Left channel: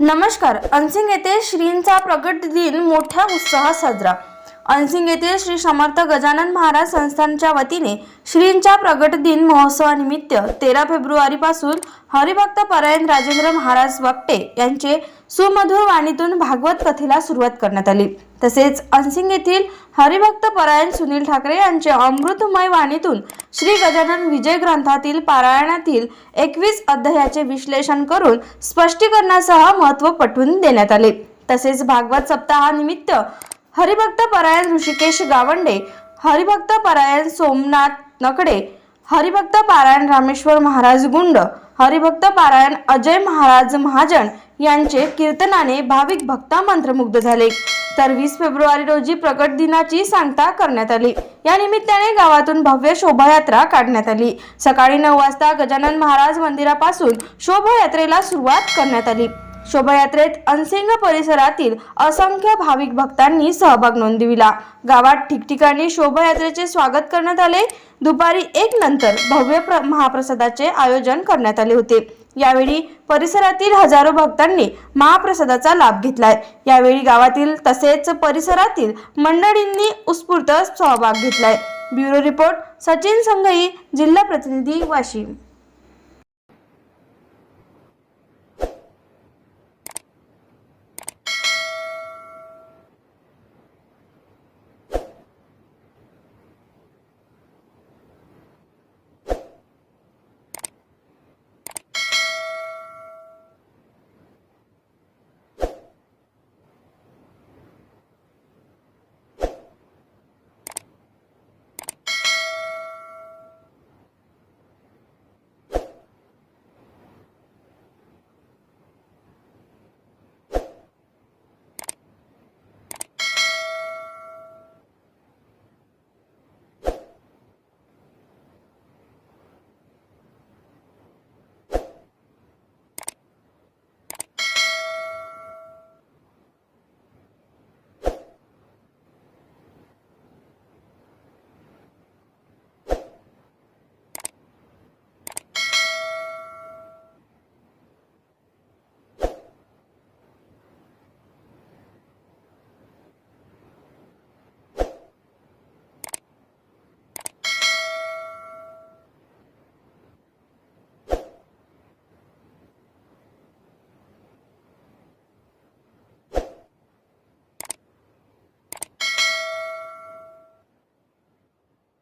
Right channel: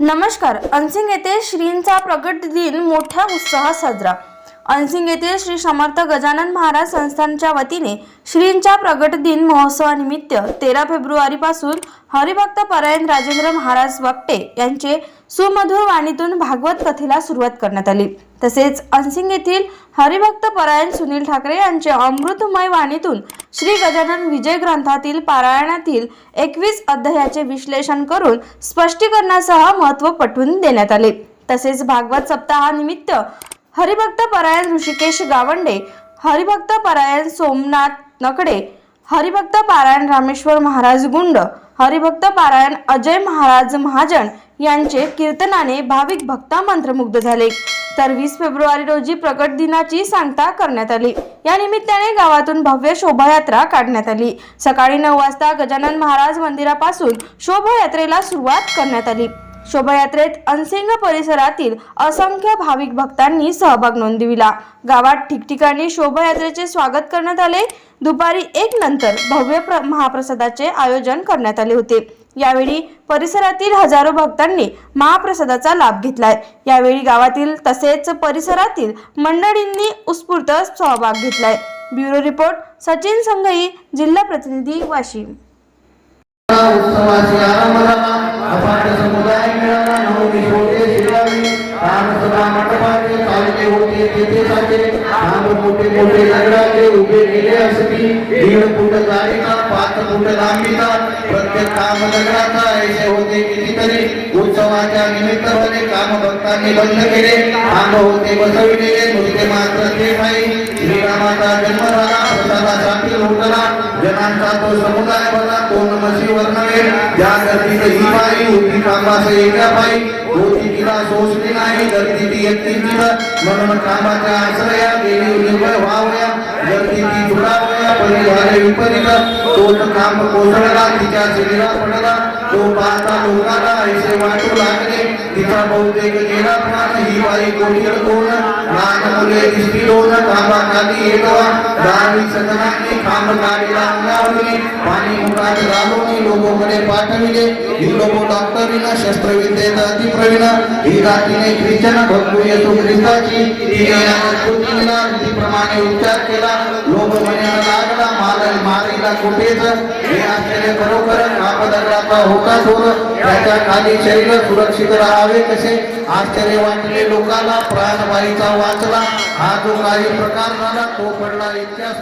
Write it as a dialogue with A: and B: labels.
A: नमस्कार अनसिंग येथे श्रींचा प्रगट दिन मोठ्या उत्साहात साजरा. अनसिंग येथील श्री समर्थ गजानन महाराज संस्थानच्या वतीने श्रींच्या प्रगट दिन महोत्सवानिमित्त तेरा फेब्रुवारीपासून हरिभक्त परायण राजेंद्र महाराज वक्टे यांचे सुमधुर वाणीतून भागवत कथेला सुरुवात करण्यात आली. तसेच अनसिंग येथील हरिभक्त परायण सुनील ठाकरे यांचे अमृतमय वाणीतून श्री गजानन विजय ग्रंथातील पारायणातील एकवीस अध्यायाचे विश्लेषण करून स्पष्टीकरणासह महत्त्व पटवून देण्यात आले. तसेच भागवत सप्ताहानिमित्त हरिभक्त परायण ऋषिकेश गावंडे हरिभक्त परायण सोमनाथ नकडे हरिभक्त पारायण रामेश्वर महाराज गुंड हरिभक्त पारायण अजय महाराज महाजन यांचे कीर्तनाने भाविक भक्ता मंत्रमुग्ध झाले. तर वीस फेब्रुवारी रोजी प्रगट दिनाची सांगता करण्यात आली. या निमित्ताने गावातून भव्य शोभायात्रा काढण्यात आली. सकाळी नऊ वाजता गजानन महाराज मंदिरापासून शोभायात्रेला सुरुवात करण्यात आली. शोभायात्रेत अनसिंग परिसरातील असंख्य भाविक भक्तांनी सहभाग नोंदविला. गावात ठिकठिकाणी शोभायात्रेचे स्वागत करण्यात आले. दुपारी एक नंतर भव्य प्र- महाप्रसादाचे आयोजन करण्यात आले होते. यावेळी परिसरातील हजारो भक्तांनी महाप्रसादाचा लाभ घेतलाय. यावेळी गावातील तसेच परिसरातील मंडळींनी उत्स्फूर्त सहभाग घेतलाय. ब्युरो रिपोर्ट सचिन संघई जिल्हा प्रतिनिधी वाशिम.
B: होते तेथे साचे काम मोठे मोठे दगडाचे उभे केले असती दीड फूट जाडीचा पाच फूट लांबीचा प्रत्येक काम दगडाचा ऐसे होते कितीतरी. उत्सवाच्या निमित्ताने काम भक्तांनी बंद केले. काम होते बसविलेले नुसते मात्र ते नाही श्रीरामाचा जन्म झाला प्रसादा शांती लुटला. जनांचा तो समुदाय बनला कोण मशी वर्णवे ज्या गर्दीत ही बाई होती कामास एका बाई. होती तिला सोसली नाही गर्दी ती एकटी कामाच्या आश्रया गेली निर्भय व्हावया गर्दी ती जुळावया परी विपरीत. तोच काम कोसळला तिच्या शरीरा पडला. तो पाहता लोकांना ऐसे वाटू लागले. तिचा बहुतेक गेला प्राण ही बाई कोणीर कोण? लहान मुले दिसती दोन. कामा खाली येतवा दहावी सतनाने खांब गाडीला अंगावली पाणी मुखात घालून लोकोकडे पाठविले. ही लोक डॉक्टरीनं शस्त्रविद्येत अतिप्रवीण ही जातीने ख्रिश्चन भक्तू येतो ख्रिस्ताची. तिने कृतीला प्रमाणे उपचार केला. लोक म्हणायला लागला मार मारीला कुठेच. हे असलेले खरोखर कापदगडाचा होता चोर त्याच्याखाली शरीर सुरक्षित राहावे कसे? आश्चर्य वाटले लोकांना प्राणवाईचा वाचला. हा जो काही प्रकार झाला तो पडला इतिहास